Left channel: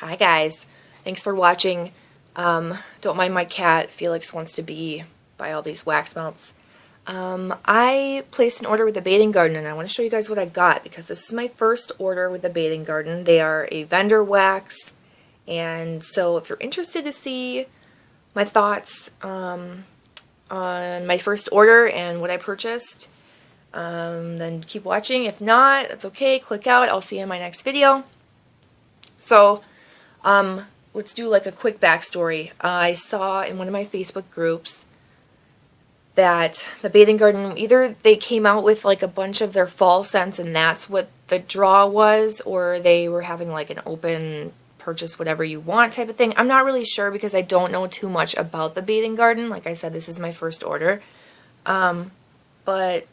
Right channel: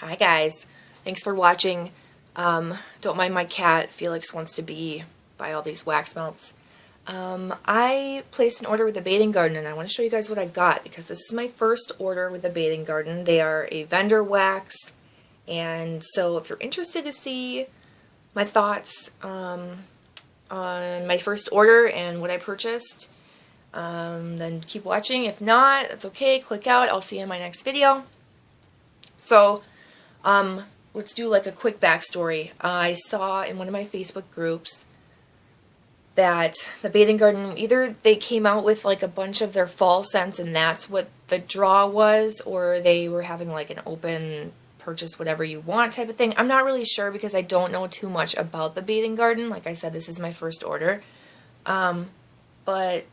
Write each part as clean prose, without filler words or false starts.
Hi guys, thanks for watching. Don't mind my cat. Felix wants to buy all these wax melts. I placed an order with the Bathing Garden and I want to show you guys what I got because this is my first order with the Bathing Garden. They are a vendor wax, and so if you're interested to see my thoughts on my first order and what I purchased, then keep watching. If not, that's okay. Click out. I'll see you in my next video. So, let's do like a quick backstory. I saw in one of my Facebook groups that the Bathing Garden, either they came out with like a bunch of their fall scents and that's what the draw was, or they were having like an open purchase whatever you want type of thing. I'm not really sure because I don't know too much about the Bathing Garden. Like I said, this is my first order. But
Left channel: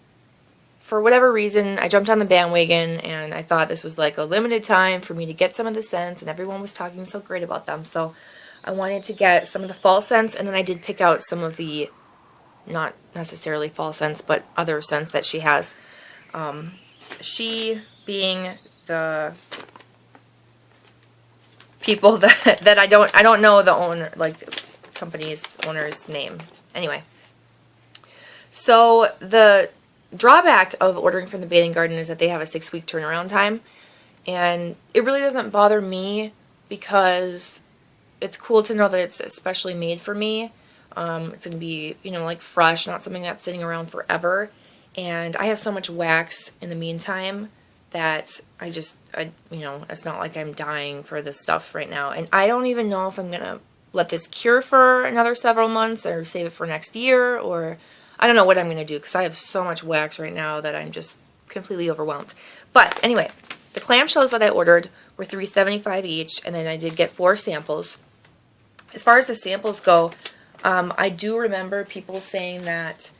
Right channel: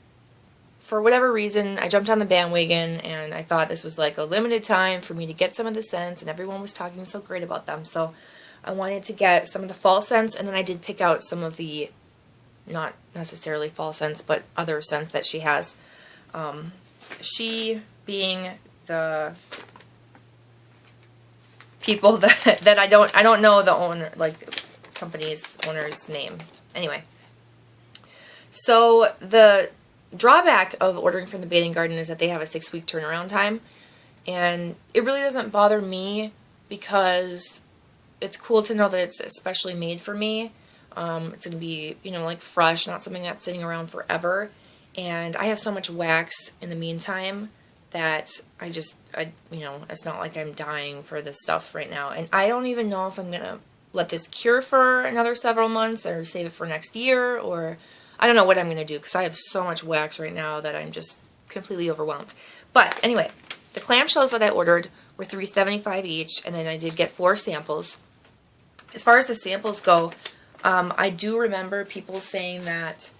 for whatever reason, I jumped on the bandwagon and I thought this was like a limited time for me to get some of the scents, and everyone was talking so great about them. So I wanted to get some of the fall scents, and then I did pick out some of the, not necessarily fall scents, but other scents that she has. She being the people that I don't know the owner, like company's owner's name. Anyway, so the drawback of ordering from the Bathing Garden is that they have a 6-week turnaround time, and it really doesn't bother me because it's cool to know that it's especially made for me. It's going to be, you know, like fresh, not something that's sitting around forever, and I have so much wax in the meantime that you know, it's not like I'm dying for this stuff right now, and I don't even know if I'm going to let this cure for another several months or save it for next year, or I don't know what I'm going to do because I have so much wax right now that I'm just completely overwhelmed. But anyway, the clamshells that I ordered were $3.75 each, and then I did get 4 samples. As far as the samples go, I do remember people saying that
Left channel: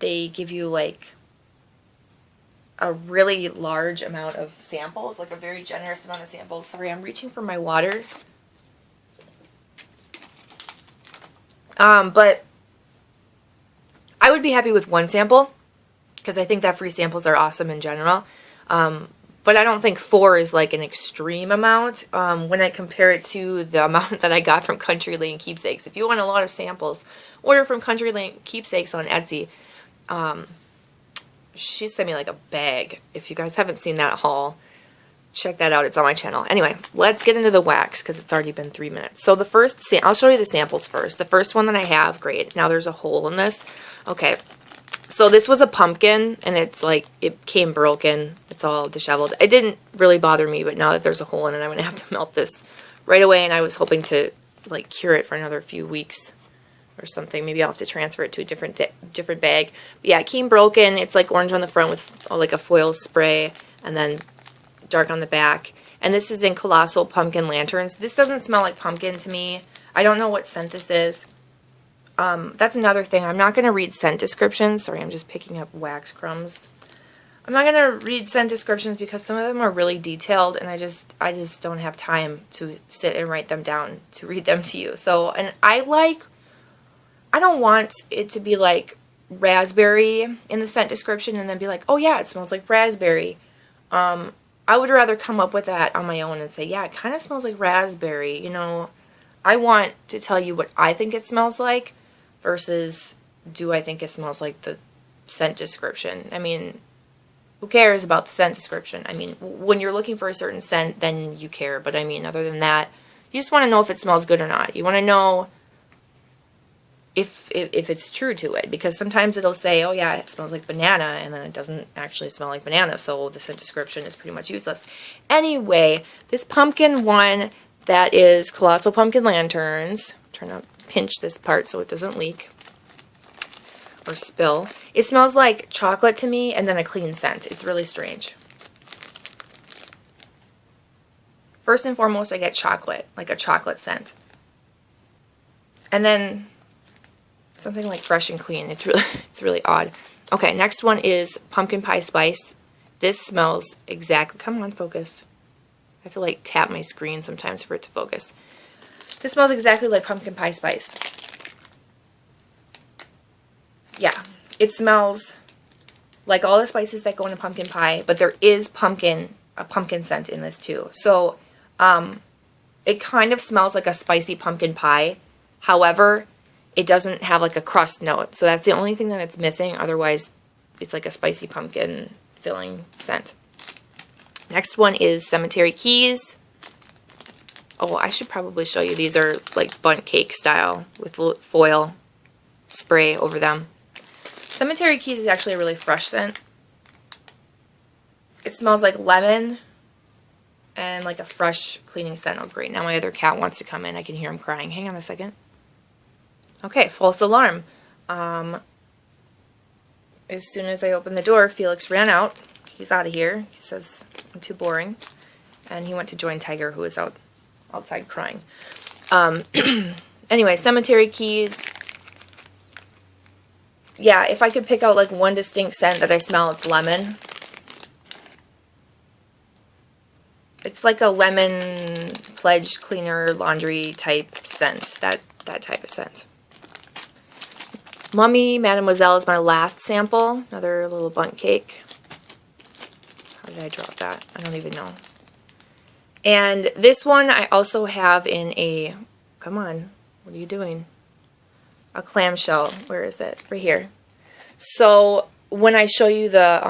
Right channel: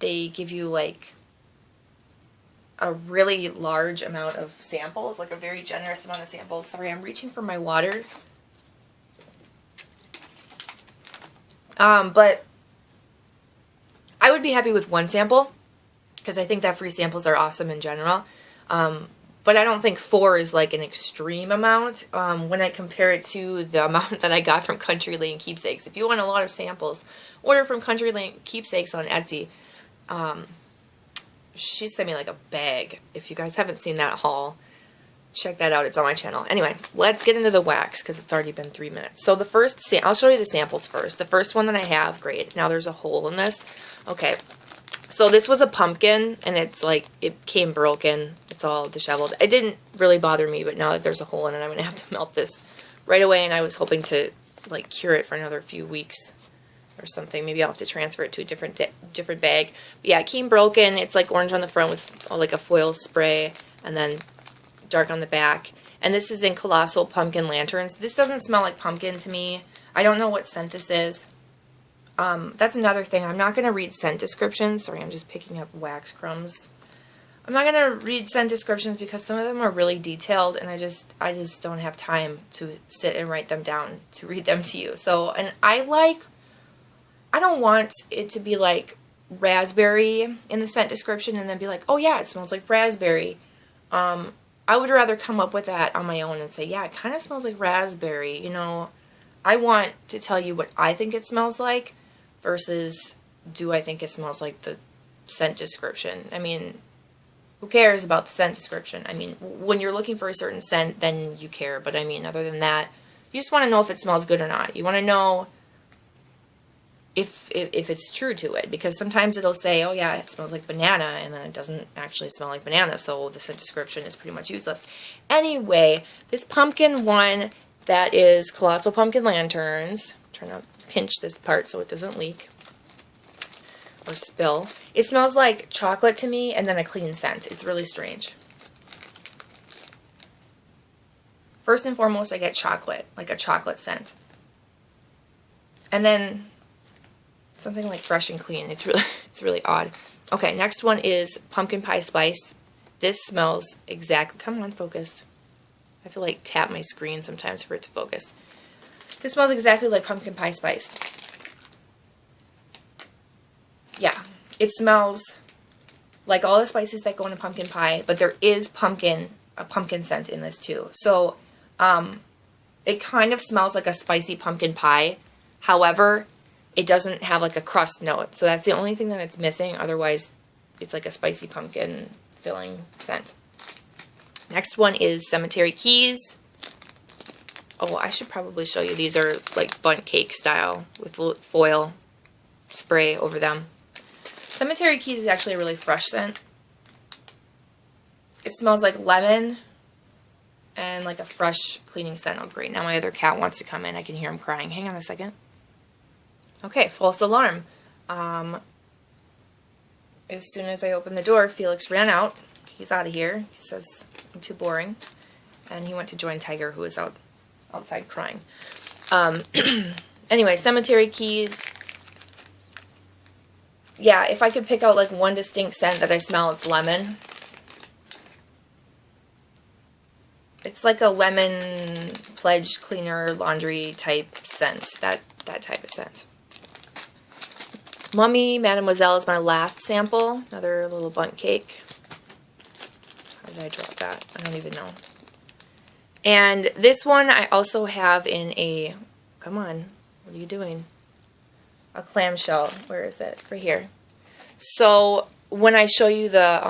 they give you like a really large amount of samples, like a very generous amount of samples. Sorry, I'm reaching for my water. But I would be happy with 1 sample because I think that free samples are awesome in general. But I don't think 4 is like an extreme amount when I compare it to the amount that I got from Country Lane Keepsakes. If you want a lot of samples, order from Country Lane Keepsakes on Etsy. She sent me like a bag. If you guys haven't seen that haul, check that out. It's on my channel. Anyway, let's get into the wax because it's already been 3 minutes. So the first, I'll show you the samples first. The first one that I have, great. Now there's a hole in this. Okay, so this was a pumpkin, and it's like, it came broken. It's all disheveled. It didn't really bother me, but now that there's a hole in it, I'm going to have to melt this right away, and I was hoping to, like, cure it for another few weeks or something. Maybe I'll have to transfer it to a different bag. But yeah, it came broken. It's like orange on the front with like a foil spray, and then dark on the back. And this is in Colossal Pumpkin Lanterns. This doesn't smell like pumpkin to me. I don't know what scent this is. That's another thing. I'm not going to read scent descriptions. Sorry, I'm just picking up wax crumbs. I'm not going to read scent descriptions because some of them are really detailed, and I just don't have time to sit and write them down to read them to you. So, and I don't want it to be like raspberry in the scent description and then be like, oh yeah, it smells like raspberry. I would rather come up with that on my own and say, yeah, it kind of smells like raspberry. You know, I want to tell you what I think it smells like versus do I think it smells like the scent description. I mean, who cares about the scent description? I mean, when you're looking for a certain scent, then you care. But I mean, other than that, you just want to know if it smells good or not. You want to know if it's true to it, because sometimes it'll say, oh yeah, it smells like banana, and then it doesn't actually smell like banana, so the scent description is pretty much useless. Anyway, this pumpkin one that is Colossal Pumpkin Lanterns, I'm trying to pinch this part so it doesn't leak or spill. It smells like chocolate to me, and then a clean scent. It's really strange. First and foremost, I get chocolate, like a chocolate scent. And then something like fresh and clean. It's really odd. Okay, next one is pumpkin pie spice. This smells exactly, come on, focus. I have to like tap my screen sometimes for it to focus. This smells exactly like pumpkin pie spice. Yeah, it smells like all the spices that go into pumpkin pie, but there is a pumpkin scent in this too. So It kind of smells like a spicy pumpkin pie. However, it doesn't have like a crust note. So that's the only thing that it's missing. Otherwise, it's like a spicy pumpkin filling scent. Next one is Cemetery Keys. Oh, I should probably show you. These are like bundt cake style with foil spray over them. Cemetery Keys is actually a really fresh scent. It smells like lemon and like a fresh cleaning scent. Oh, great. Now my other cat wants to come in. I can hear him crying. Hang on a second. Okay, false alarm. As soon as I opened the door, Felix ran out. He's out of here. He says, I'm too boring. And he went to join Tiger, who was outside crying. Anyway, Cemetery Keys. Yeah, if I could pick out like one distinct scent that I smell, it's lemon. It's like a lemon pledge cleaner laundry type scent. That type of scent. Mummy Mademoiselle is my last sample. Another little bundt cake. How did I drop that? I don't even know. And this one I also have in a... Come on. What are you doing? A clamshell. Where is it? Right here. So when I show you the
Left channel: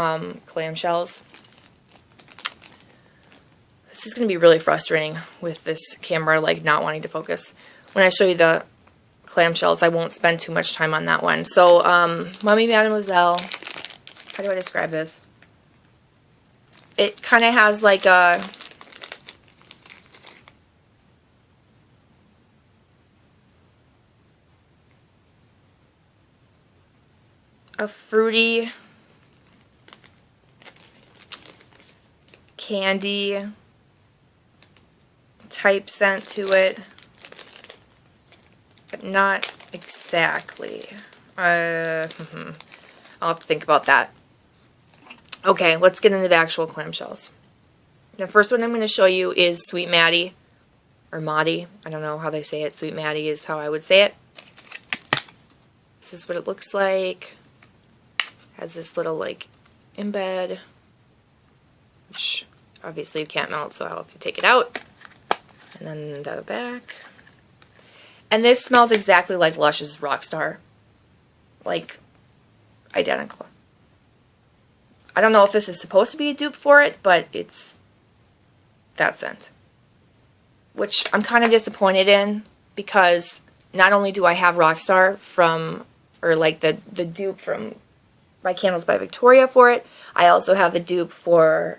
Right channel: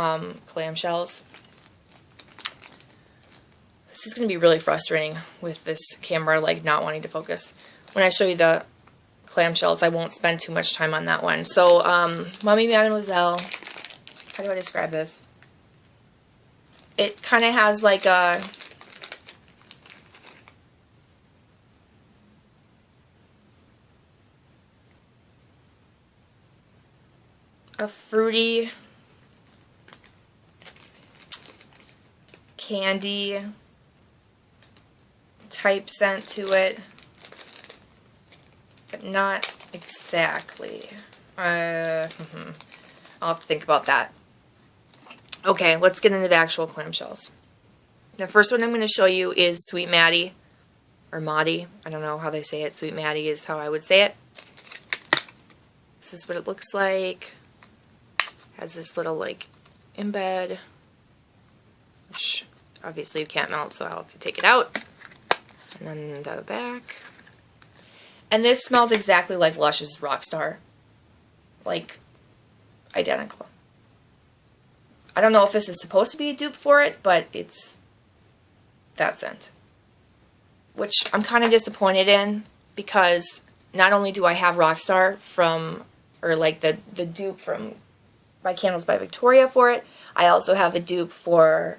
clamshells, this is going to be really frustrating with this camera like not wanting to focus. When I show you the clamshells, I won't spend too much time on that one. So Mummy Mademoiselle, how do I describe this? It kind of has like a... fruity candy type scent to it, but not exactly. I'll have to think about that. Okay, let's get into the actual clamshells. The first one I'm going to show you is Sweet Maddie, or Maddie. I don't know how they say it. Sweet Maddie is how I would say it. This is what it looks like. Has this little like embed, which obviously you can't melt, so I'll have to take it out. And then the back. And this smells exactly like Lush's Rockstar. Like, identical. I don't know if this is supposed to be a dupe for it, but it's that scent. Which I'm kind of disappointed in, because not only do I have Rockstar from, or like the dupe from My Candles by Victoria for it, I also have the dupe from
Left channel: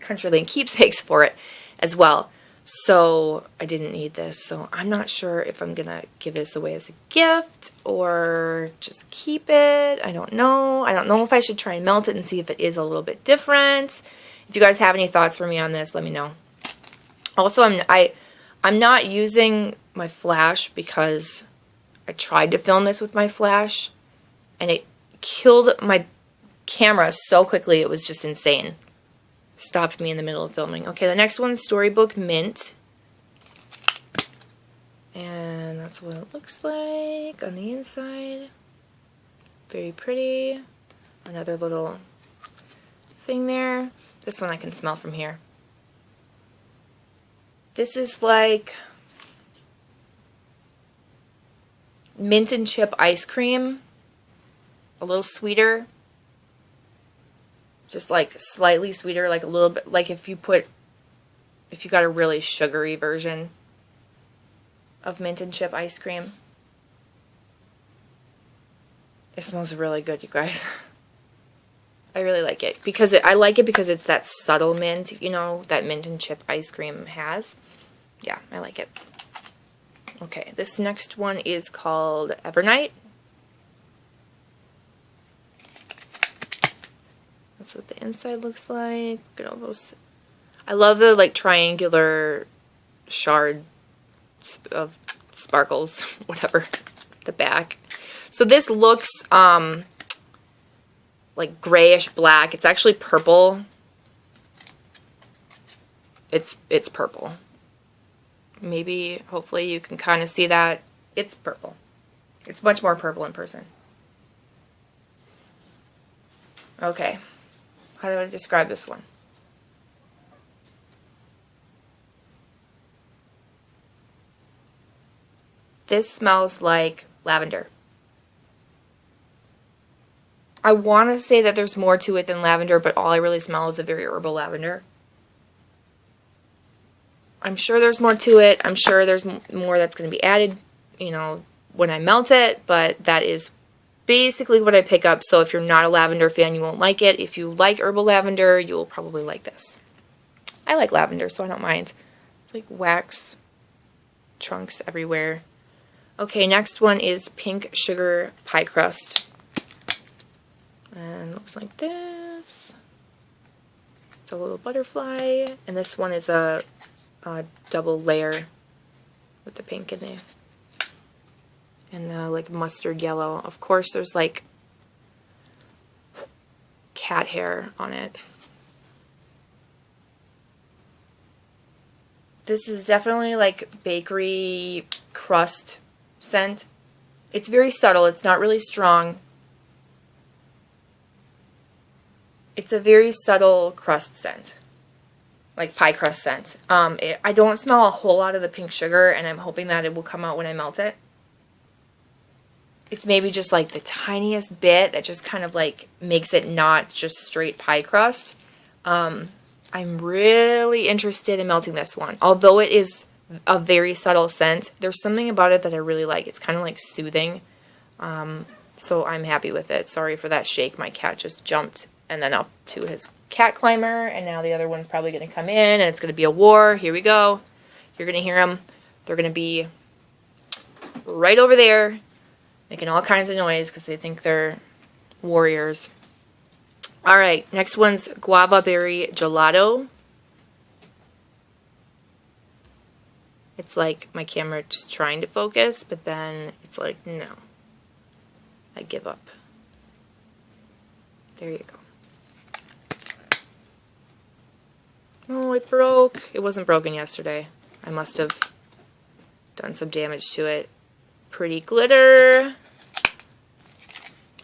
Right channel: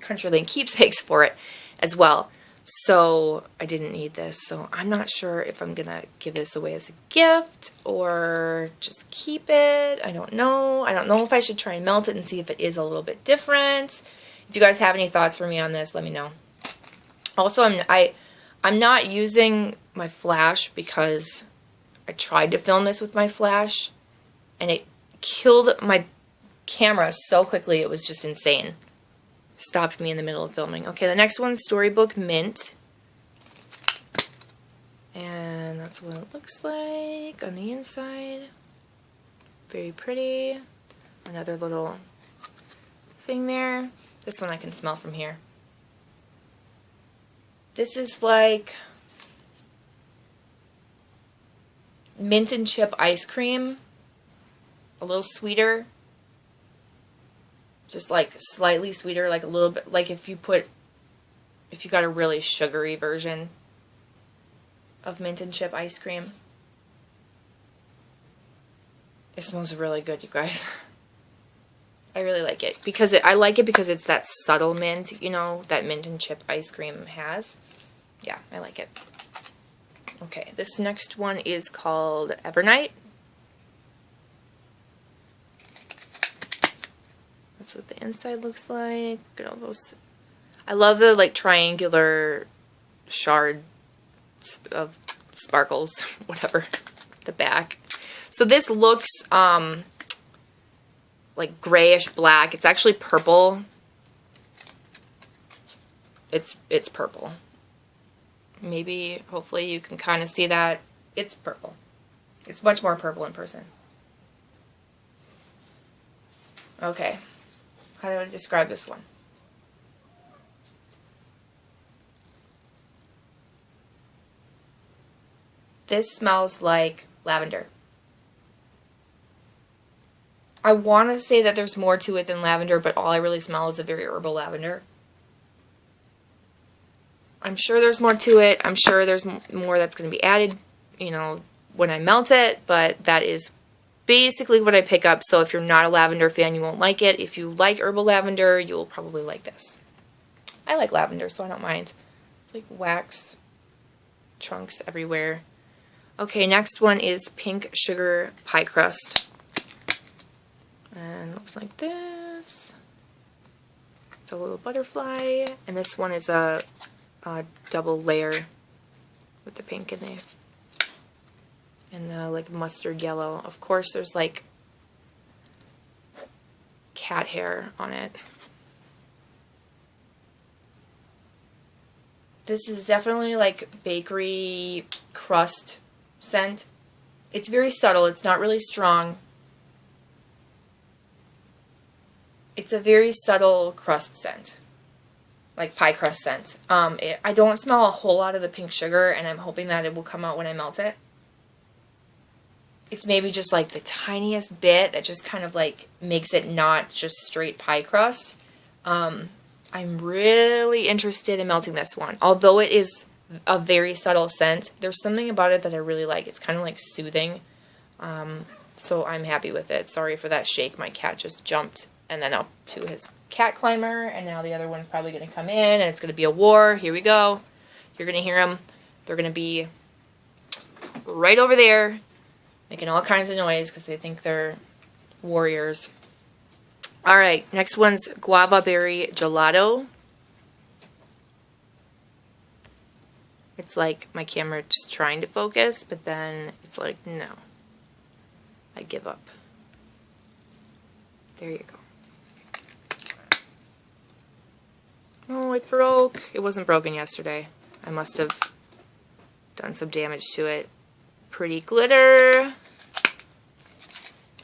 Country Lane Keepsakes for it as well. So I didn't need this. So I'm not sure if I'm going to give this away as a gift or just keep it. I don't know. I don't know if I should try and melt it and see if it is a little bit different. If you guys have any thoughts for me on this, let me know. Also, I'm not using my flash because I tried to film this with my flash and it killed my camera so quickly. It was just insane. Stopped me in the middle of filming. Okay, the next one's Storybook Mint. And that's what it looks like on the inside. Very pretty. Another little thing there. This one I can smell from here. This is like mint and chip ice cream. A little sweeter. Just like slightly sweeter, like a little bit, like if you got a really sugary version of mint and chip ice cream. It smells really good, you guys. I really like it because I like it because it's that subtle mint, you know, that mint and chip ice cream has. Yeah, I like it. Okay, this next one is called Evernight. That's what the inside looks like. Look at all those. I love the like triangular shard of sparkles, whatever, the back. So this looks like grayish black. It's actually purple. It's purple. Maybe, hopefully you can kind of see that. It's purple. It's much more purple in person. Okay. How do I describe this one? This smells like lavender. I want to say that there's more to it than lavender, but all I really smell is a very herbal lavender. I'm sure there's more to it. I'm sure there's more that's going to be added, you know, when I melt it, but that is basically what I pick up. So if you're not a lavender fan, you won't like it. If you like herbal lavender, you'll probably like this. I like lavender, so I don't mind. It's like wax chunks everywhere. Okay, next one is pink sugar pie crust. And it looks like this. It's a little butterfly. And this one is a double layer with the pink in there. And the like mustard yellow. Of course, there's like cat hair on it. This is definitely like bakery crust scent. It's very subtle. It's not really strong. It's a very subtle crust scent. Like pie crust scent. I don't smell a whole lot of the pink sugar, and I'm hoping that it will come out when I melt it. It's maybe just like the tiniest bit that just kind of like makes it not just straight pie crust. I'm really interested in melting this one. Although it is a very subtle scent, there's something about it that I really like. It's kind of like soothing. So I'm happy with it. Sorry for that shake. My cat just jumped and then up to his cat climber, and now the other one's probably going to come in, and it's going to be a war. Here we go. You're going to hear them. They're going to be right over there, making all kinds of noise because they think they're warriors. All right, next one's guava berry gelato. It's like my camera just trying to focus, but then it's like, no. I give up. There you go. Oh, it broke. It wasn't broken yesterday. I must have done some damage to it. Pretty glitter.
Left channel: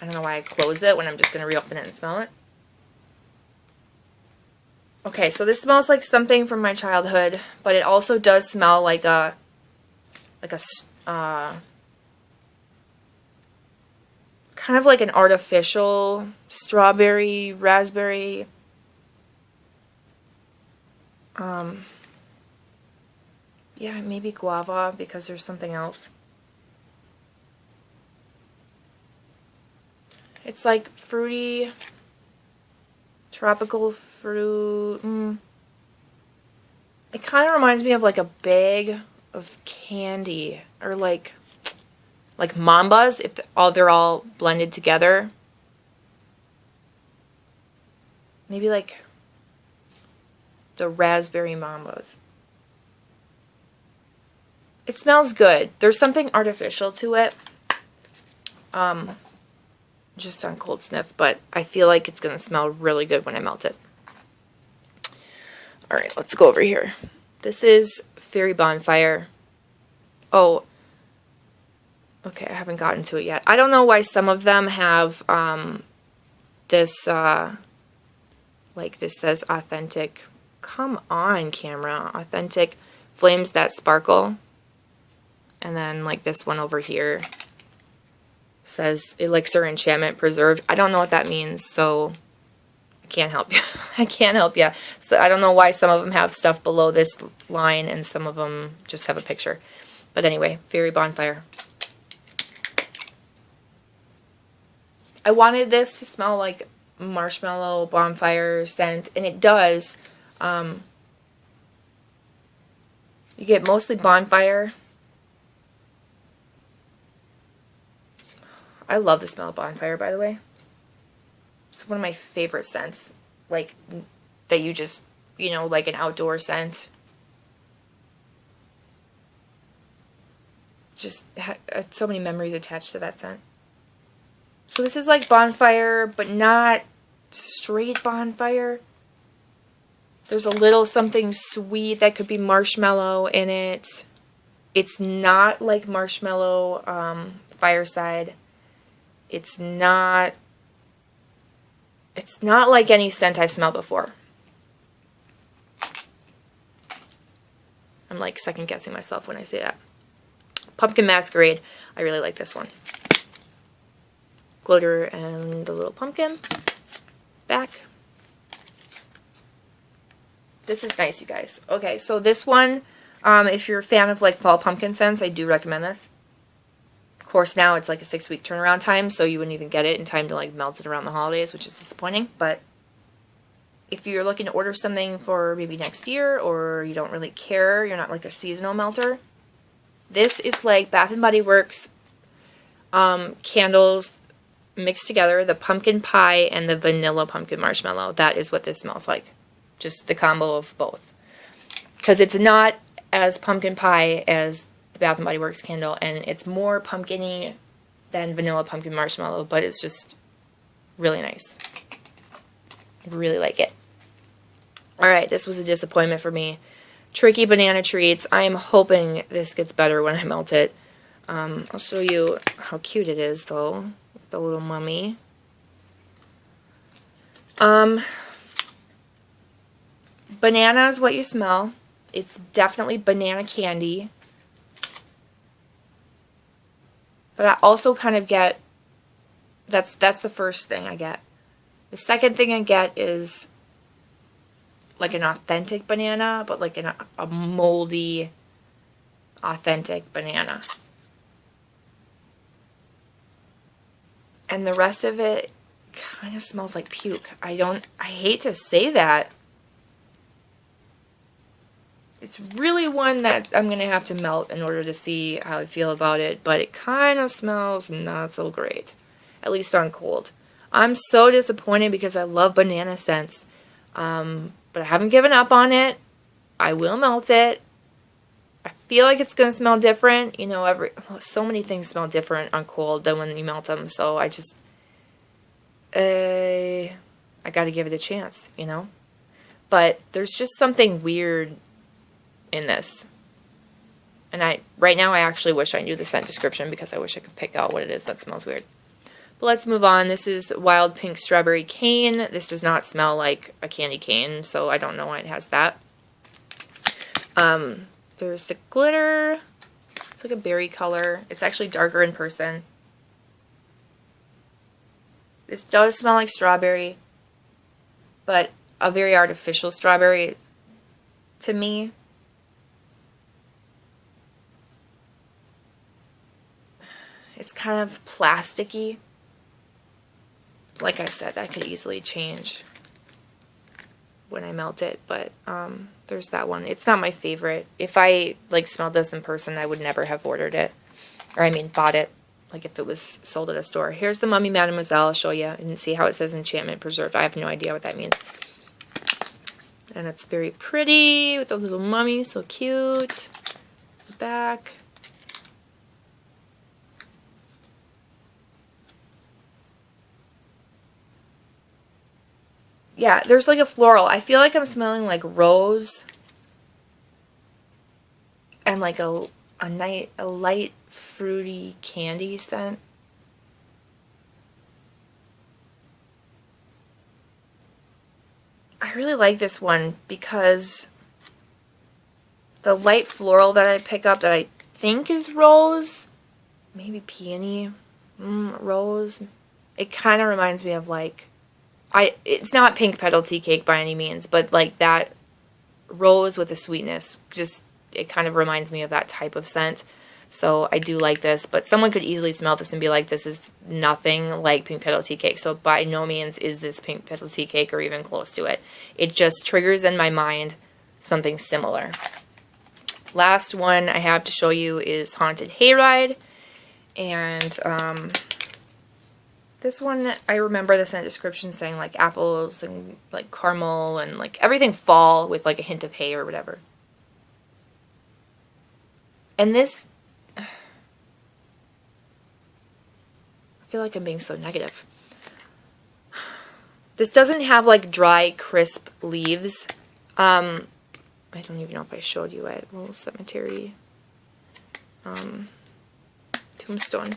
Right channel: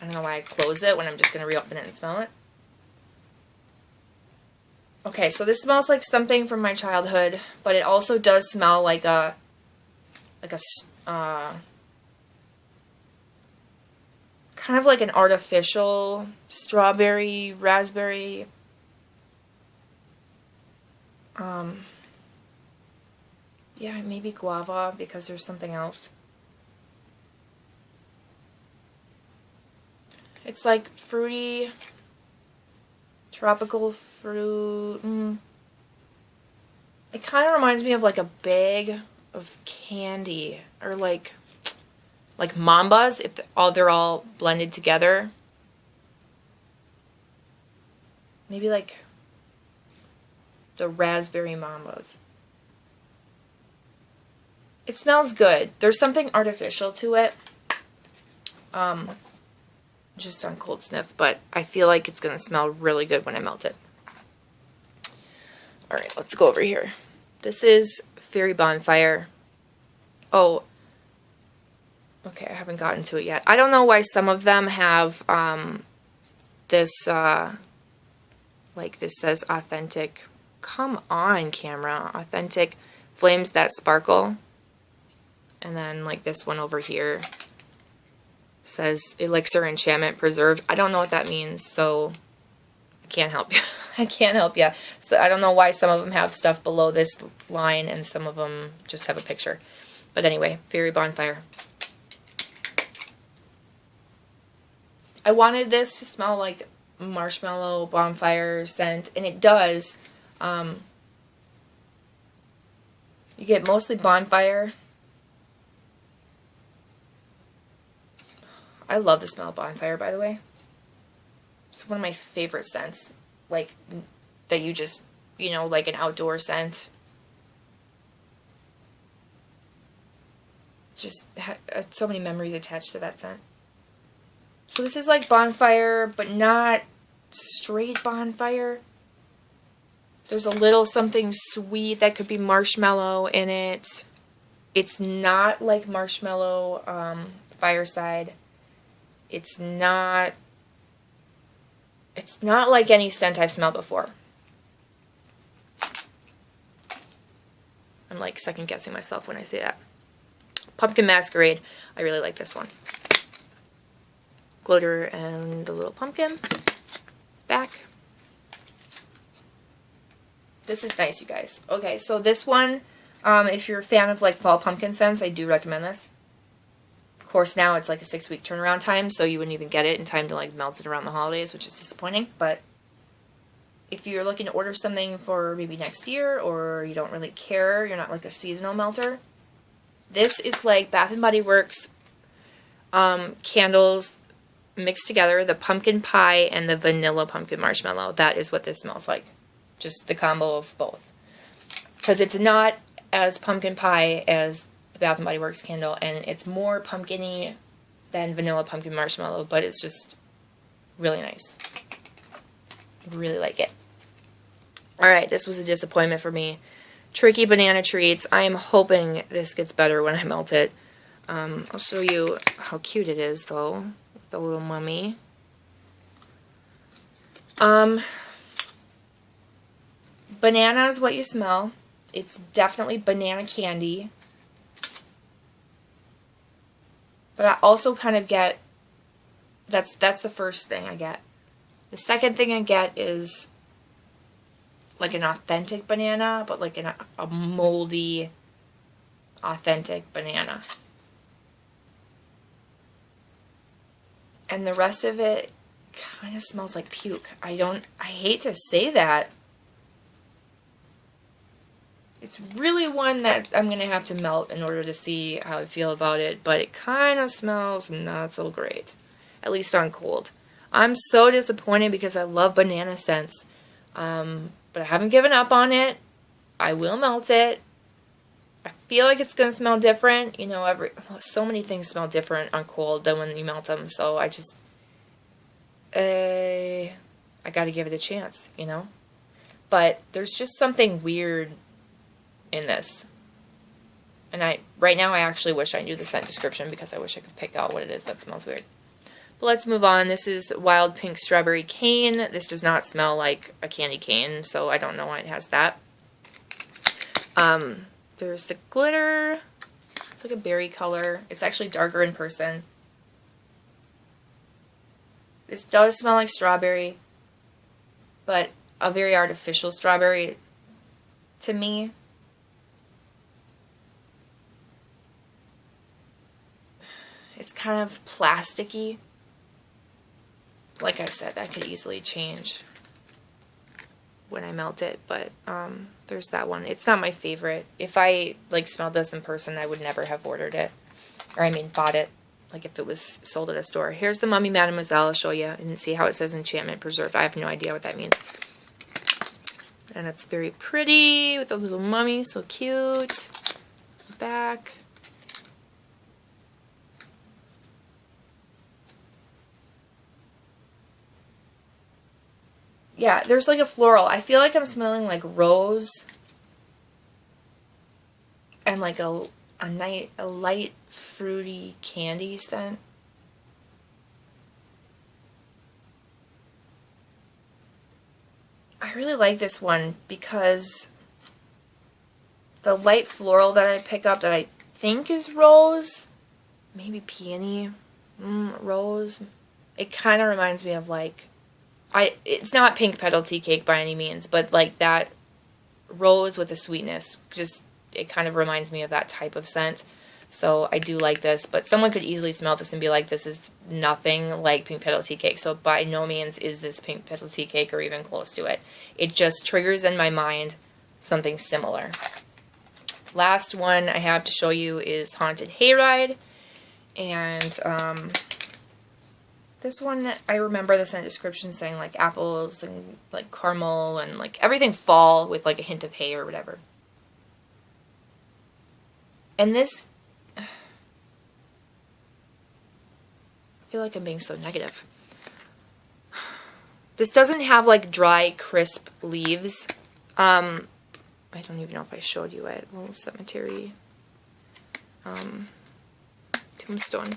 I don't know why I closed it when I'm just going to reopen it and smell it. Okay, so this smells like something from my childhood, but it also does smell like a kind of like an artificial strawberry, raspberry. Yeah, maybe guava, because there's something else. It's like fruity, tropical fruit. It kind of reminds me of like a bag of candy, or like Mambas, if they're all blended together. Maybe like the raspberry Mambas. It smells good. There's something artificial to it. Just on cold sniff, but I feel like it's going to smell really good when I melt it. Alright, let's go over here. This is Fairy Bonfire. Oh, okay, I haven't gotten to it yet. I don't know why some of them have this, like this says authentic. Come on, camera. Authentic flames that sparkle. And then like this one over here says elixir enchantment preserved. I don't know what that means, so I can't help you. I can't help you. So I don't know why some of them have stuff below this line and some of them just have a picture. But anyway, Fairy Bonfire. I wanted this to smell like marshmallow bonfire scent, and it does. You get mostly bonfire. I love the smell of bonfire, by the way. It's one of my favorite scents. Like, that you just, you know, like an outdoor scent. Just so many memories attached to that scent. So this is like bonfire, but not straight bonfire. There's a little something sweet that could be marshmallow in it. It's not like marshmallow fireside. It's not like any scent I've smelled before. I'm like second guessing myself when I say that. Pumpkin Masquerade. I really like this one. Glitter and the little pumpkin. Back. This is nice, you guys. Okay, so this one, if you're a fan of like fall pumpkin scents, I do recommend this. Of course, now it's like a 6-week turnaround time, so you wouldn't even get it in time to like melt it around the holidays, which is disappointing. But if you're looking to order something for maybe next year, or you don't really care, you're not like a seasonal melter, this is like Bath & Body Works candles mixed together, the pumpkin pie and the vanilla pumpkin marshmallow. That is what this smells like. Just the combo of both. Because it's not as pumpkin pie as the Bath & Body Works candle, and it's more pumpkin-y than vanilla pumpkin marshmallow, but it's just really nice. I really like it. Alright, this was a disappointment for me. Tricky Banana Treats. I am hoping this gets better when I melt it. I'll show you how cute it is, though. The little mummy. Banana is what you smell. It's definitely banana candy. But I also kind of get, that's the first thing I get. The second thing I get is like an authentic banana, but like a moldy, authentic banana. And the rest of it kind of smells like puke. I hate to say that. It's really one that I'm going to have to melt in order to see how I feel about it, but it kind of smells not so great, at least on cold. I'm so disappointed because I love banana scents, but I haven't given up on it. I will melt it. I feel like it's going to smell different. You know, so many things smell different on cold than when you melt them, so I just, I got to give it a chance, you know? But there's just something weird in this. And right now I actually wish I knew the scent description because I wish I could pick out what it is that smells weird. But let's move on. This is Wild Pink Strawberry Cane. This does not smell like a candy cane, so I don't know why it has that. There's the glitter. It's like a berry color. It's actually darker in person. This does smell like strawberry, but a very artificial strawberry to me. It's kind of plasticky. Like I said, that could easily change when I melt it, but there's that one. It's not my favorite. If I like smelled this in person, I would never have ordered it. Or I mean bought it, like if it was sold at a store. Here's the Mummy Mademoiselle. I'll show you and see how it says enchantment preserved. I have no idea what that means. And it's very pretty with a little mummy, so cute. Back. Yeah, there's like a floral. I feel like I'm smelling like rose and like a light fruity candy scent. I really like this one because the light floral that I pick up that I think is rose, maybe peony, rose. It kind of reminds me of like, it's not pink petal tea cake by any means, but like that rose with the sweetness, just, it kind of reminds me of that type of scent. So I do like this, but someone could easily smell this and be like, this is nothing like pink petal tea cake. So by no means is this pink petal tea cake or even close to it. It just triggers in my mind something similar. Last one I have to show you is Haunted Hayride. And this one, I remember the scent description saying like apples and like caramel and like everything fall with like a hint of hay or whatever. And this, I feel like I'm being so negative. This doesn't have like dry, crisp leaves. I don't even know if I showed you it. Little cemetery. Tombstone.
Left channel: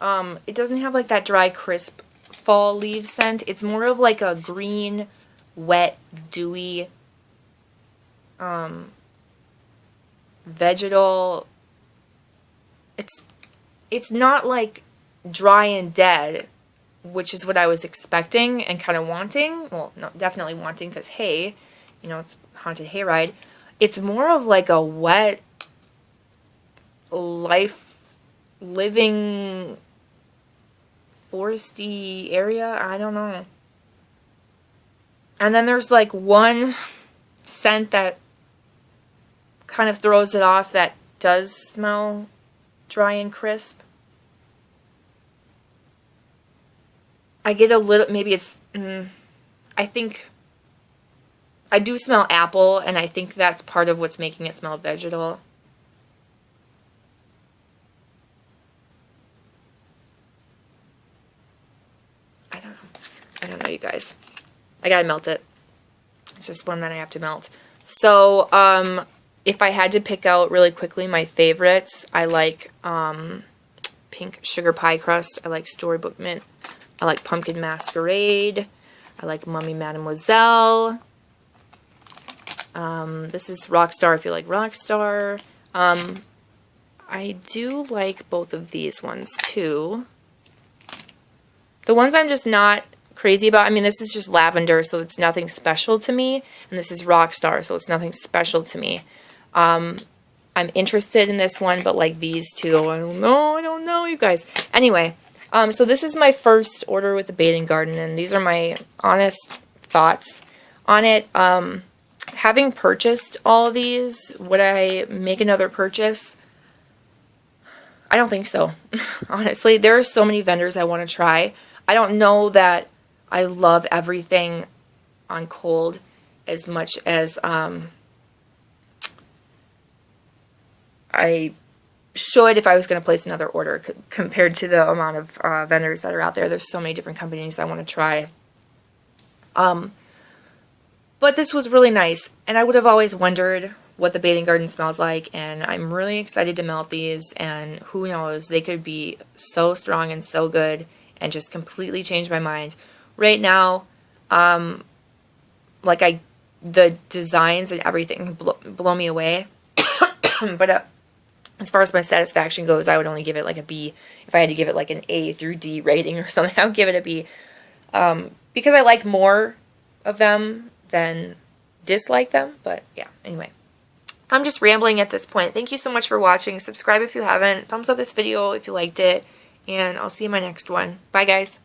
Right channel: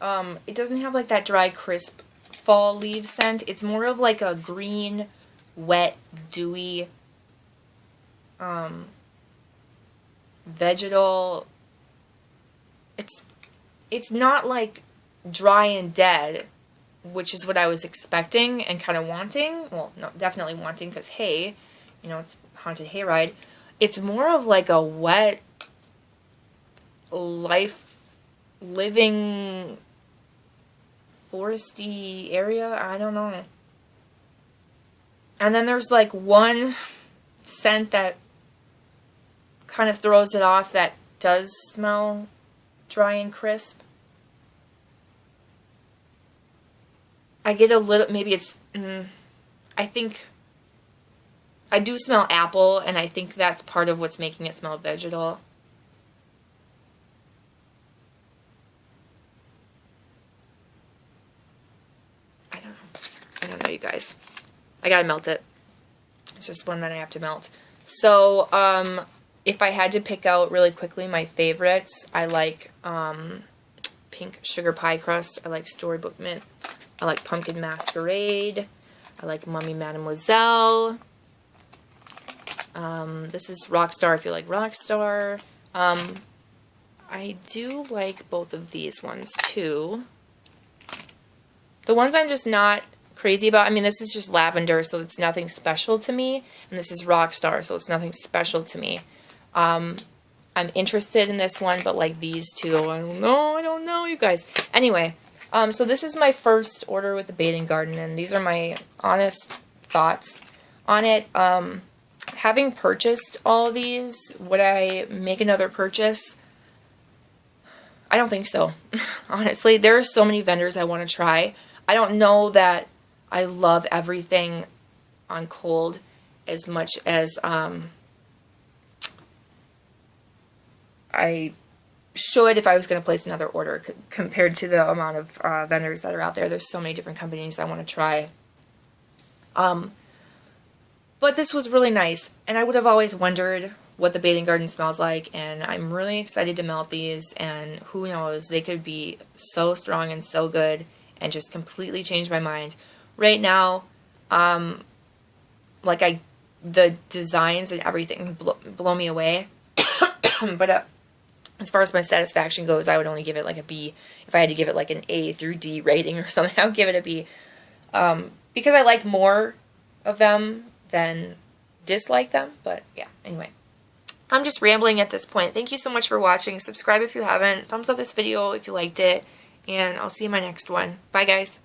It doesn't have like that dry, crisp fall leaf scent. It's more of like a green, wet, dewy, vegetal it's not like dry and dead, which is what I was expecting and kind of wanting. Well, no, definitely wanting, because hay, you know, it's haunted hayride. It's more of like a wet, life, living, foresty area. I don't know. And then there's like one scent that kind of throws it off that does smell dry and crisp. I get a little, maybe it's, I think, I do smell apple, and I think that's part of what's making it smell vegetal. I don't know, you guys. I gotta melt it. It's just one that I have to melt. So, if I had to pick out really quickly my favorites, I like pink sugar pie crust. I like storybook mint. I like pumpkin masquerade. I like mummy mademoiselle. This is Rockstar if you like Rockstar. I do like both of these ones too. The ones I'm just not crazy about, I mean, this is just lavender, so it's nothing special to me. And this is Rockstar, so it's nothing special to me. I'm interested in this one, but like these two, I don't know, you guys. Anyway, so this is my first order with the Bathing Garden, and these are my honest thoughts on it. Having purchased all of these, would I make another purchase? I don't think so. Honestly, there are so many vendors I want to try. I don't know that I love everything on cold as much as I should if I was going to place another order compared to the amount of vendors that are out there. There's so many different companies I want to try. But this was really nice, and I would have always wondered what the Bathing Garden smells like, and I'm really excited to melt these, and who knows, they could be so strong and so good and just completely change my mind. Right now, like the designs and everything blow me away, but as far as my satisfaction goes, I would only give it like a B. If I had to give it like an A through D rating or something, I would give it a B. Because I like more of them than dislike them. But yeah, anyway. I'm just rambling at this point. Thank you so much for watching. Subscribe if you haven't. Thumbs up this video if you liked it. And I'll see you in my next one. Bye, guys.